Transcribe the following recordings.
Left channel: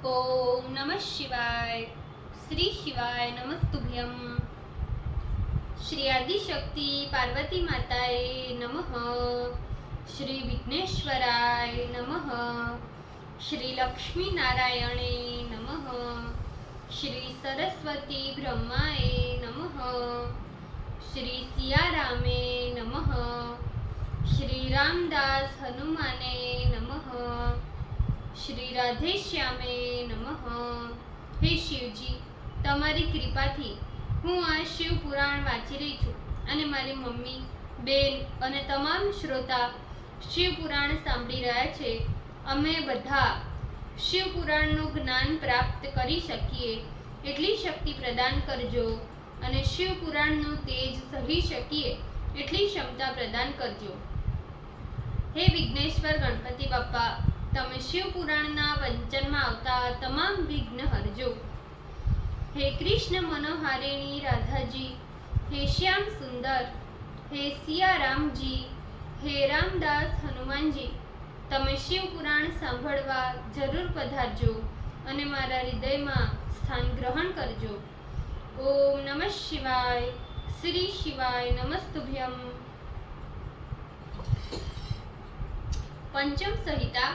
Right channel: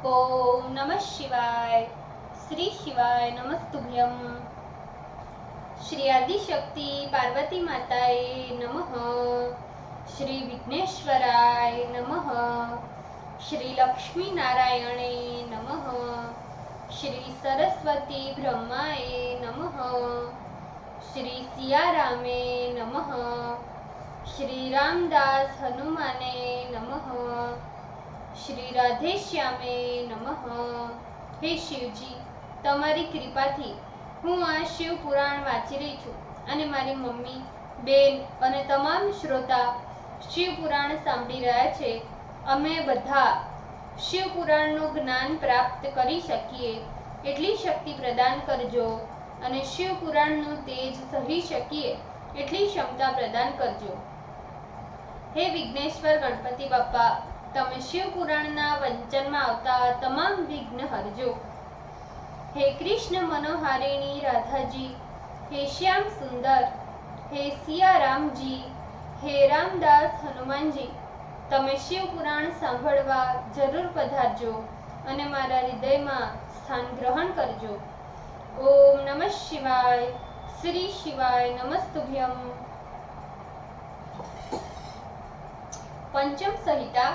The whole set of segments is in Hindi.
ओम नमः शिवाय। श्री शिवाय नमस्तुभ्यम। श्री आदिशक्ति पार्वती माताए नमः। श्री विघ्नेश्वराय नमः। श्री लक्ष्मी नारायणे नमः। श्री सरस्वती ब्रह्माए नमः। श्री सियारामे नमः। श्री रामदास हनुमाने नमः। श्री राधेश्यामे नमः। हे शिवजी, તમારી કૃપાથી હું આ શિવ પુરાણ વાંચી રહી છું અને મારી મમ્મી, બેન અને તમામ શ્રોતા શિવ પુરાણ સાંભળી રહ્યા છે. અમે બધા શિવ પુરાણનું જ્ઞાન પ્રાપ્ત કરી શકીએ એટલી શક્તિ પ્રદાન કરજો અને શિવ પુરાણનું તેજ સહી શકીએ એટલી ક્ષમતા પ્રદાન કરજો. હે વિઘ્નેશ્વર ગણપતિ બાપા, તમે શિવ પુરાણના વંચનમાં આવતા તમામ વિઘ્ન હરજો. હે કૃષ્ણ મનોહારિણી રાધાજી, હે શ્યામ સુંદર, હે સિયારામજી, હે રામદાસ હનુમાનજી, તમે શિવ પુરાણ સાંભળવા જરૂર પધારજો અને મારા હૃદયમાં સ્થાન ગ્રહણ કરજો. ઓમ નમઃ શિવાય. શ્રી શિવાય નમસ્તુભ્યમ. પંચમ સંહિતા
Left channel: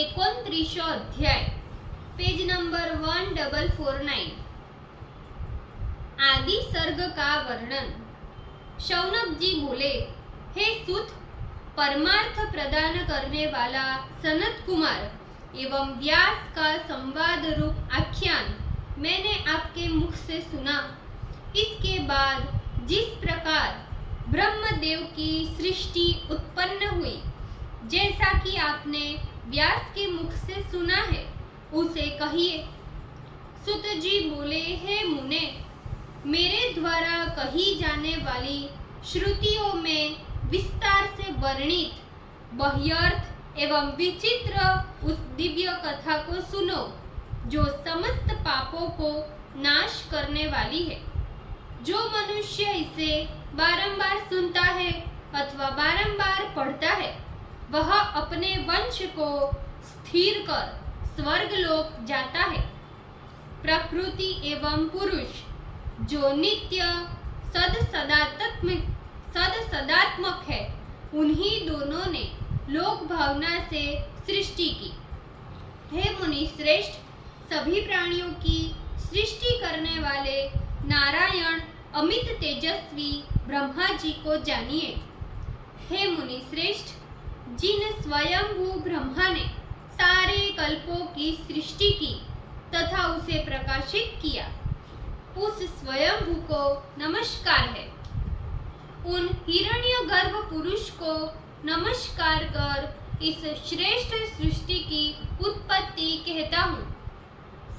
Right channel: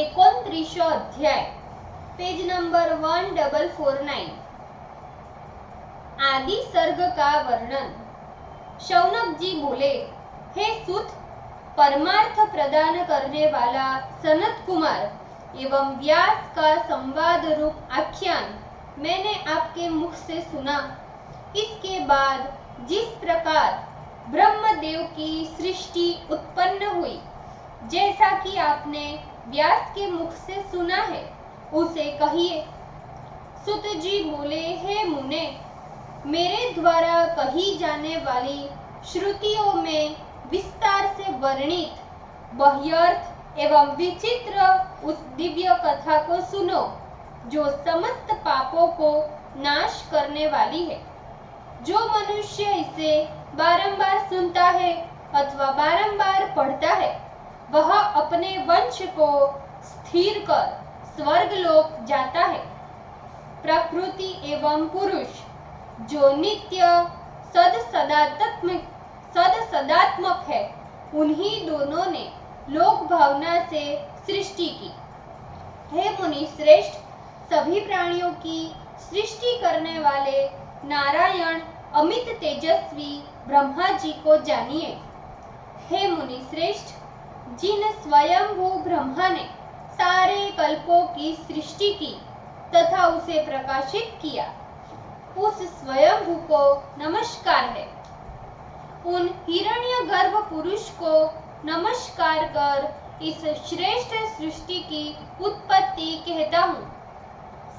29 अध्याय, पेज नंबर 1449. आदि सर्ग का वर्णन. शौनक जी बोले, हे सुत, परमार्थ प्रदान करने वाला सनत कुमार एवं व्यास का संवाद रूप आख्यान मैंने आपके मुख से सुना. इसके बाद जिस प्रकार ब्रह्मदेव की सृष्टि उत्पन्न हुई, जैसा कि आपने व्यास के मुख से सुना है, उसे कहिए. सुत जी बोले, हे मुने, मेरे द्वारा कही जाने वाली श्रुतियों में विस्तार से वर्णित बह्यर्थ एवं विचित्र उस दिव्य कथा को सुनो, जो समस्त पापों को नाश करने वाली है. जो मनुष्य इसे बारंबार सुनता है अथवा बारंबार पढ़ता है, वह अपने वंश को स्थिर कर स्वर्गलोक जाता है. प्रकृति एवं पुरुष जो नित्य सदात्मक है, उन्हीं दोनों ने लोक भावना से सृष्टि की. हे मुनि श्रेष्ठ, सभी प्राणियों की सृष्टि करने वाले नारायण अमित तेजस्वी ब्रह्मा जी को जानिए. हे मुनि श्रेष्ठ, जिन स्वयंभू ब्रह्मा ने सारे कल्पों की सृष्टि की तथा उसे प्रकाशित किया, उस स्वयंभू को नमस्कार है. उन हिरण्यगर्भ पुरुष को नमस्कार कर इस श्रेष्ठ सृष्टि की उत्पत्ति कहता हूँ.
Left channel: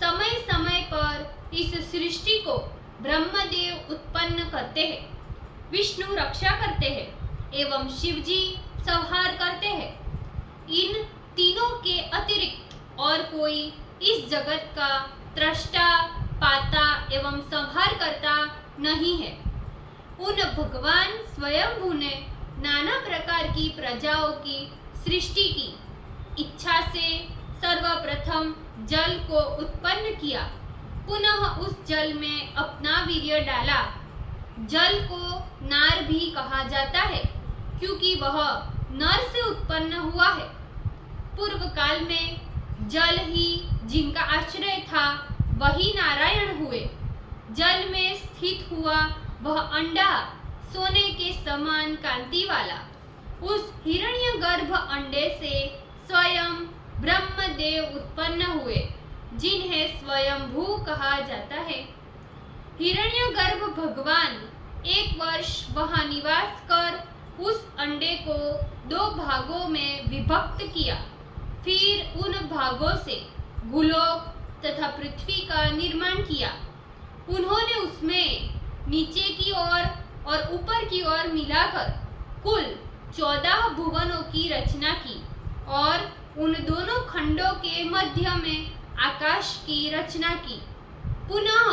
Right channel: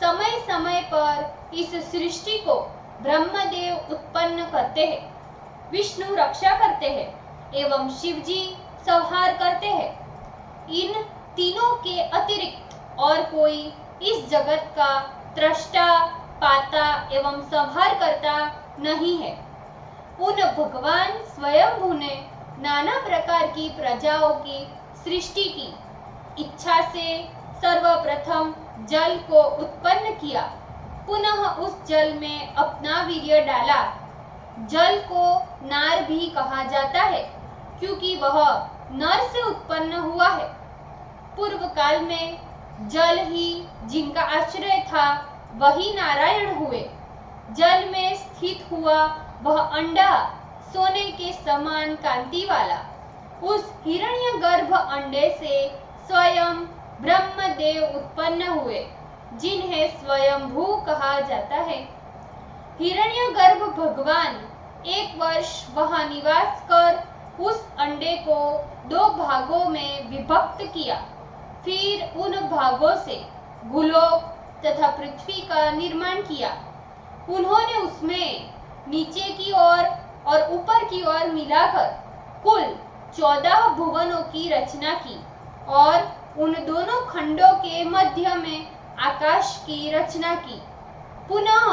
समय समय पर इस सृष्टि को ब्रह्मदेव उत्पन्न करते हैं, विष्णु रक्षा करते हैं एवं शिवजी संहार करते हैं. इन तीनों के अतिरिक्त और कोई इस जगत का त्रष्टा, पाता एवं संहार करता नहीं है. उन भगवान स्वयंभू ने नाना प्रकार की प्रजाओं की सृष्टि की. इच्छा से सर्वप्रथम जल को उत्पन्न किया, पुनः उस जल में अपना वीर्य डाला. जल को नार भी कहा जाता है, क्योंकि वह नर से उत्पन्न हुआ है. पूर्व काल में जल ही जिनका आश्रय था, वही नारायण हुए. जल में स्थित हुआ वह अंडा सोने के समान कांति वाला, उस हिरण्यगर्भ अंडे से स्वयं ब्रह्मदेव उत्पन्न हुए, जिन्हें स्वयंभू कहा जाता है. हिरण्यगर्भ भगवान 1 वर्ष वहां निवास कर उस अंडे को 2 भागों में विभक्त किया. फिर उन भागों से भूलोक तथा पृथ्वी का निर्माण किया. उन्होंने उसमें नीचे की ओर और ऊपर की ओर मिलाकर कुल 14 भुवनों की रचना की और उन दोनों खंडों के मध्य में आकाश की रचना की. पुनः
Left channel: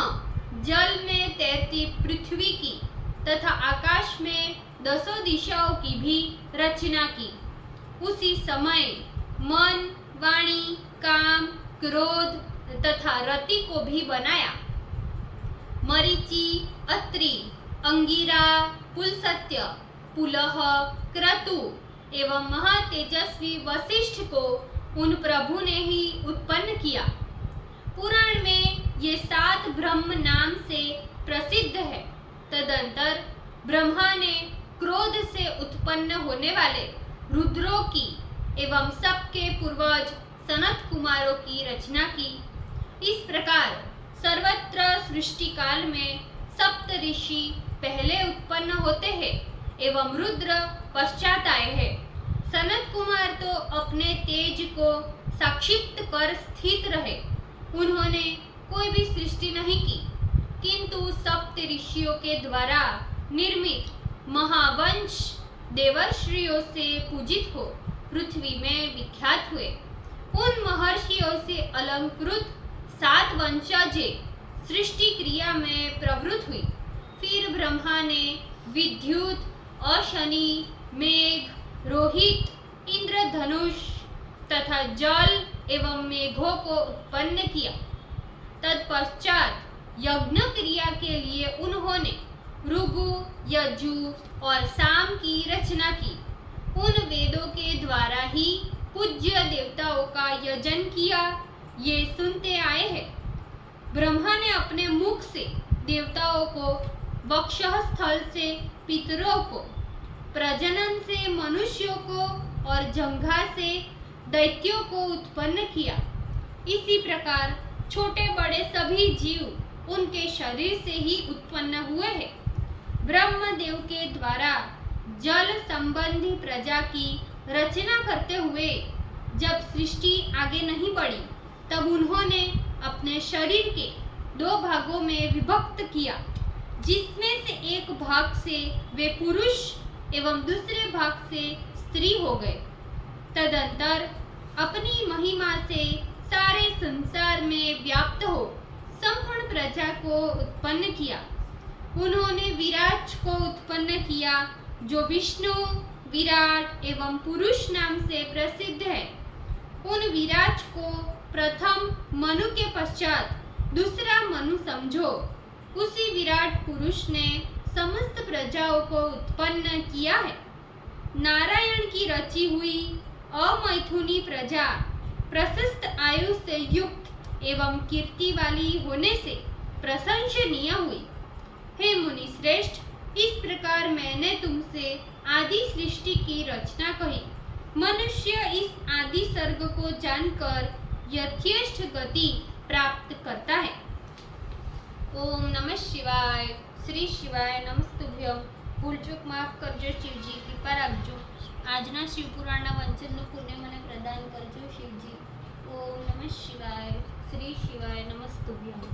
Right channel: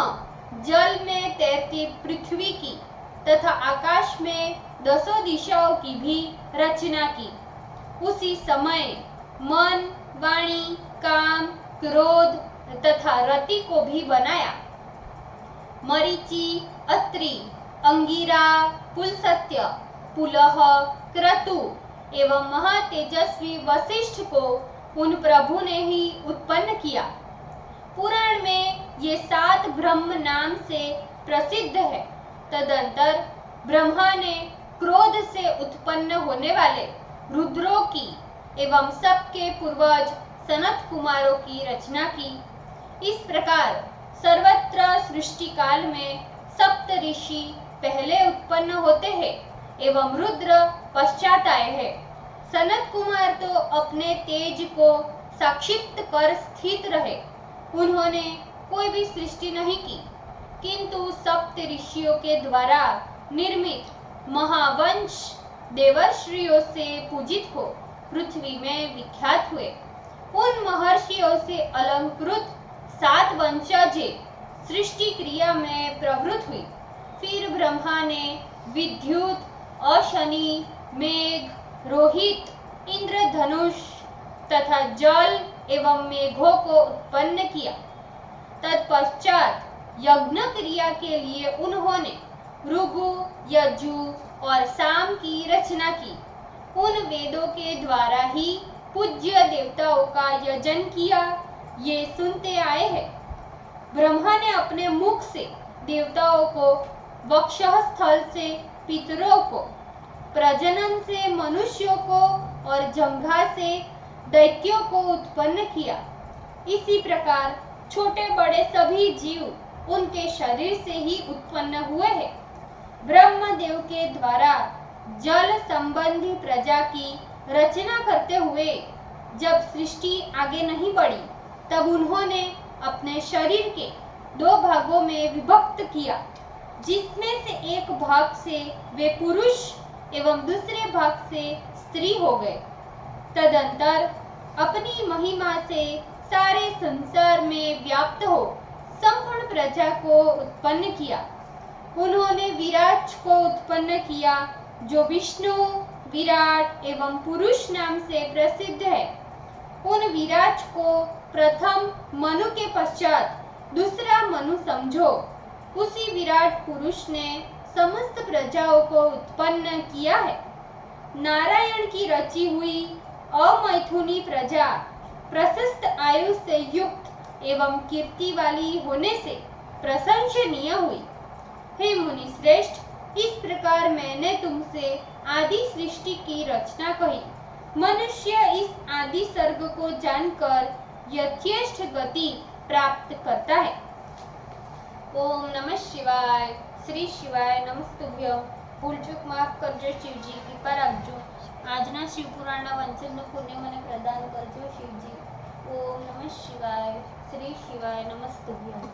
जल में तैरती पृथ्वी की तथा आकाश में 10 दिशाओं की भी रचना की. उसी समय मन, वाणी, काम, क्रोध तथा रति को भी बनाया। मरीचि, अत्रि, अंगिरा, पुलस्त्य, पुलह, क्रतु एवं महातेजस्वी वशिष्ठ को उन प्रभु ने ही उत्पन्न किया। पुराण में ये 7 ब्रह्म नाम से प्रसिद्ध है। तदंतर ब्रह्मा ने क्रोध से उत्पन्न होने वाले रुद्रों की एवं सबके पूर्वज सनत कुमारों की रचना की। इस प्रकार सर्वत्र सृष्टि काल में सप्त ऋषि पहले उत्पन्न होते हैं एवं रुद्र पश्चात आए हैं। सनत कुमार तो अपने तेज को संक्षिप्त कर स्थित रहे। उन्होंने कोई भी सृष्टि नहीं की, किंतु सप्त ऋषियों के द्वारा निर्मित महावंश देवर्षियों से पूजित हो पृथ्वी में विख्यात हुए। उन महर्षियों से अलंकृत 7 वंशजें सृष्टि क्रिया में प्रवृत्त हुई। फिर ब्रह्मा ने विद्युत, अशनि, मेघ, रोहित, इंद्रधनुष तथा जल एवं मेघों को उत्पन्न किया। तत्पश्चात यज्ञ क्रिया के लिए उन्होंने भृगु, यजु और साम की रचना की। उन वेदों के द्वारा ही पूज्य देवताओं का यजन किया, ये सुनते आए हैं। ब्रह्मा ने अपने मुख से देवताओं को, वक्षस्थल से पितरों को, प्रजनन से मनुष्यों को और जंघा से दैत्यों को उत्पन्न किया। इसी प्रकार छोटे बड़े सभी जीव उनके शरीर से ही उत्पन्न हुए हैं। ब्रह्मदेव के द्वारा जल संबंधी प्रजा की रचना करते हुए जब सृष्टि आगे नहीं बढ़ी, तब उन्होंने अपने शरीर के 2 भागों में विभक्त किया, जिसमें से एक भाग से वे पुरुष एवं दूसरे भाग से स्त्री हो गए। तदंतर अपनी महिमा से सारे संसार में व्याप्त हो संपूर्ण प्रजा को उत्पन्न किया। उन्होंने विराट को उत्पन्न किया, जो विष्णु, विराट एवं पुरुष नाम से प्रसिद्ध है। उन विराट को प्रथम मनु के पश्चात दूसरा मनु समझो। उसी विराट पुरुष ने समस्त प्रजाओं को उत्पन्न किया है। नारायण की रची हुई अमैथुनी प्रजा प्रशस्त आयु से युक्त एवं कीर्ति वाली होने से प्रशंसनीय हुई। हे मुनि श्रेष्ठ, इस प्रकार मैंने तुमसे आदि सृष्टि की रचना कही। मनुष्य इस आदि सर्ग को जानकर यथेष्ट गति प्राप्त करता है। ओम नमः शिवाय। श्री शिवाय नमस्तुभ्यम। ભૂલ ચૂક માફ કરજો શિવજી, કૃપા રાખજો। આજના શિવપુરાણના વાંચનનું પુણ્ય મને પ્રદાન કરજો શિવજી। ઓમ નમઃ શિવાય। શ્રી શિવાય નમસ્તુભ્યમ।